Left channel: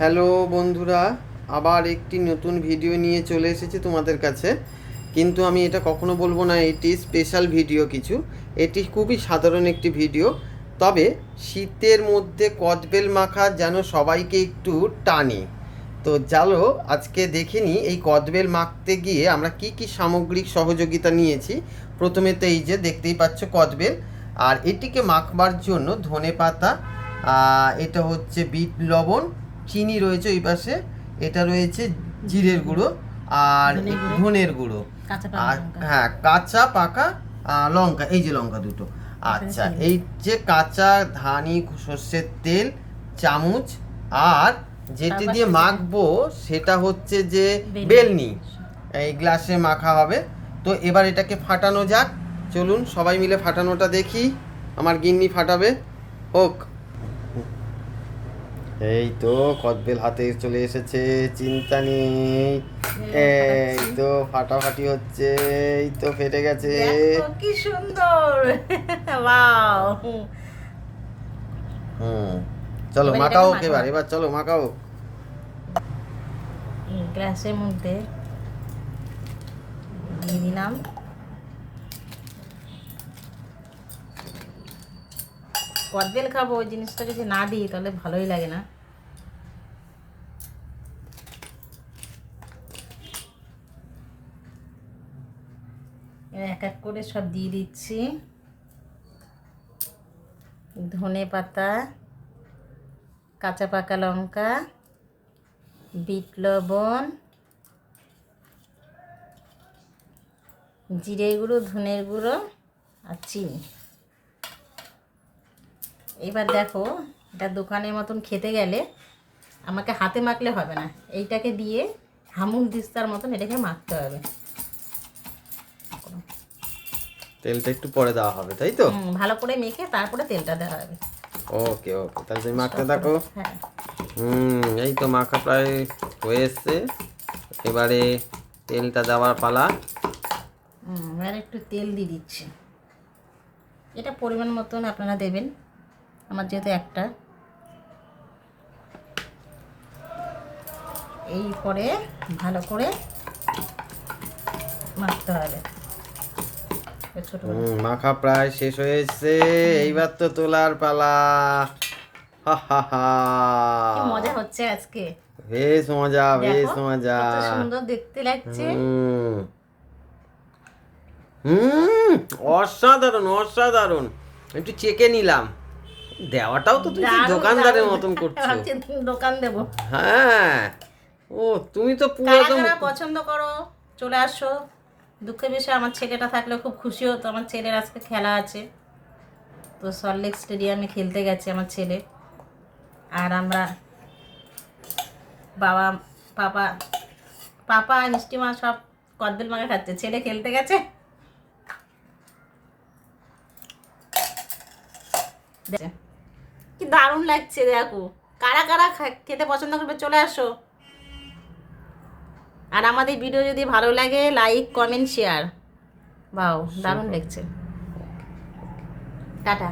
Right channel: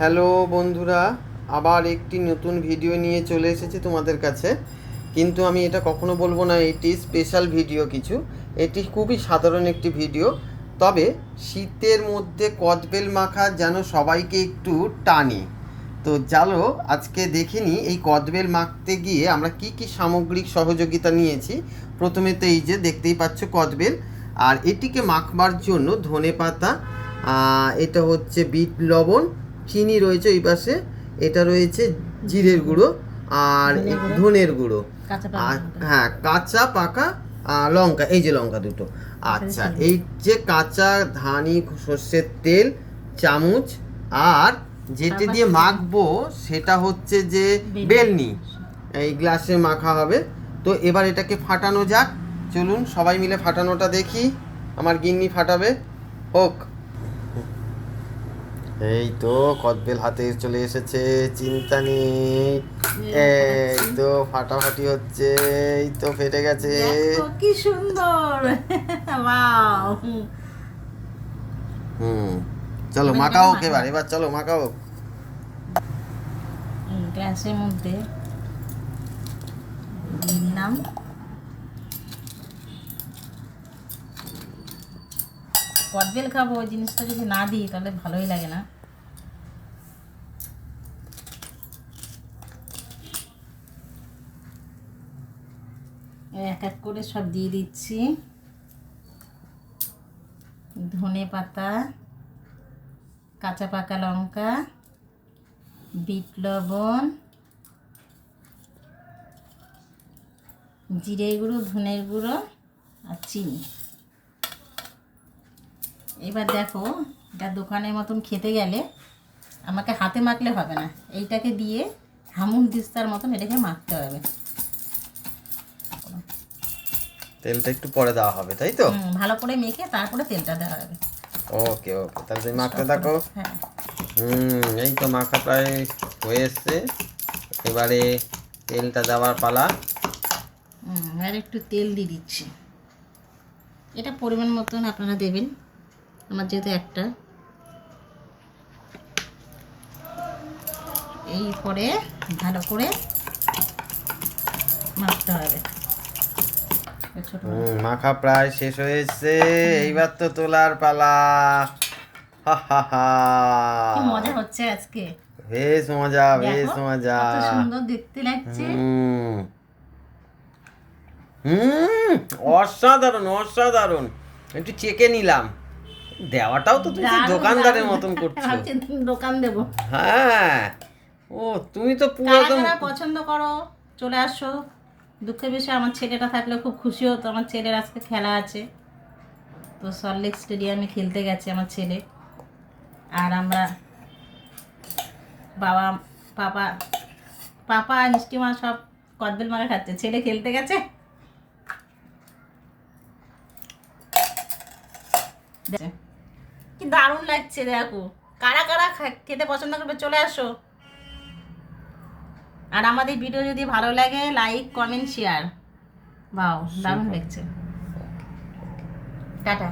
Hello বন্ধুরা, আবার একটি নতুন ভিডিও নিয়ে চলে এসেছি তোমাদের কাছে। কিন্তু আমি এটা কখনো বলবো না এটি স্পেশাল ভিডিও কিছু। এটি খুবই সাধারণ একটি ভিডিও। তবে শীতের মধ্যে কদবেল মাখা যেন সবাইকে একটু টানে। তো চলো আজকে দেখে নিই এই কদবেল মাখতে গিয়ে আমরা কি কি সামগ্রিক সহযোগিতা নিয়েছি। প্রথমে তো এই যে দেখতেই পাচ্ছ কদবেল, আর এটিকে মাখবার জন্য ধনেপাতা, এটা হচ্ছে বিট লবণ, চিনি রয়েছে ওই পাশে, এটা রয়েছে জিরের গুঁড়ো আর ধনের গুঁড়ো, আর হ্যাঁ কাঁচা পাকা লঙ্কা, এই যে লঙ্কা দুটো। আচ্ছা, এই যে কাঁচা ধানি সর্ষের তেল চামচ, আর যেটি দিয়ে মাখবো সেটা হচ্ছে যে বেলনি, এই গ্লাসে মাখা হবে। তো এবার এটাকে ফাটানো যাক, চলুন সবাই মিলে ফাটানোটা দেখি। আমার গিন্নি ফাটাবে, হোক। এই তো কদবেল হাতে চলে এসেছে, চিন্তা নেই। এই তো ফাটাফাটি হচ্ছে, এই তো ফেটে গেছে। কি সুন্দর, ওয়াও। চলো মাখাও এবার চলো মাখাও। গ্লাসের মধ্যে দিয়ে দিলাম। কদবেল খাবো, ওই জিনিসটা যদি না দিই তাহলে ভালোই লাগে না। এক এক করে সব দিয়ে দিচ্ছি। ধনে পাতা, কাঁচা পাকা লঙ্কা, বিট লবণ, জিরে গুঁড়ো, ধনের গুঁড়ো আর চিনি। এবার দেখো, এটা দোকানের মতন খেতে গেলে আমাকে হাতে মাখলে হবে না, এইটাকে দিয়ে হামুল দিস্তার মতন এটাকে মাখতে হবে। তেলটা একটু পরে দেওয়া হবে, তাই তো? ভালো করে মেখে তারপরে তেলটা দেওয়া হবে। ওকে ওকে, তাহলে তুমি মাখতে থাকো। হ্যাঁ, এই তো মাখা প্রায় হয়ে এসছে, এবারে তেলটা দেওয়ার পালা। আর একটু তেল দিয়ে দিচ্ছি, এটা পরিমাণ মতন আপনারা দেবেন, আমার যেহেতু একটা। এই পরে ভালো করে মাখতে হবে। মাখা প্রায় শেষ হয়েছে, এইবার তো তোলার পালা। হা হা হা, কি মজা হচ্ছে আজকে, বেশ মজা বেশ মজা। কত সুন্দর দেখতে লাগছে। অসাধারণ অসাধারণ। একটু চেকে নিলাম, দেওয়াটাও তো তুমি দোকানদারের মতন করছো। দোকান দেবো? হ্যাঁ, ও তুমি তো পুরো একদম পছন্দ করো, চলে আসো। দুঃখের বিষয় আমার ছেলেটা থাকলে খুব খুশি হতো। আমার ছেলের আজকে খেলা আছে, তো সল্টলেক স্টেডিয়ামে খেলতে গেছে আমার ছেলে। আর আমরা বাবা পাপা পাপা মিষ্টি মা সব কদবেল মাখা খাচ্ছে, ছেলে খেলতে গেছে। কি দারুণ লাগছে দেখো। কারা কারা খেতে পছন্দ করবে চলে আসো। আর আমাদের ভিডিও যদি ভালো লাগে লাইক কমেন্ট শেয়ার। বাও, দারুণ লাগছে। টাটা।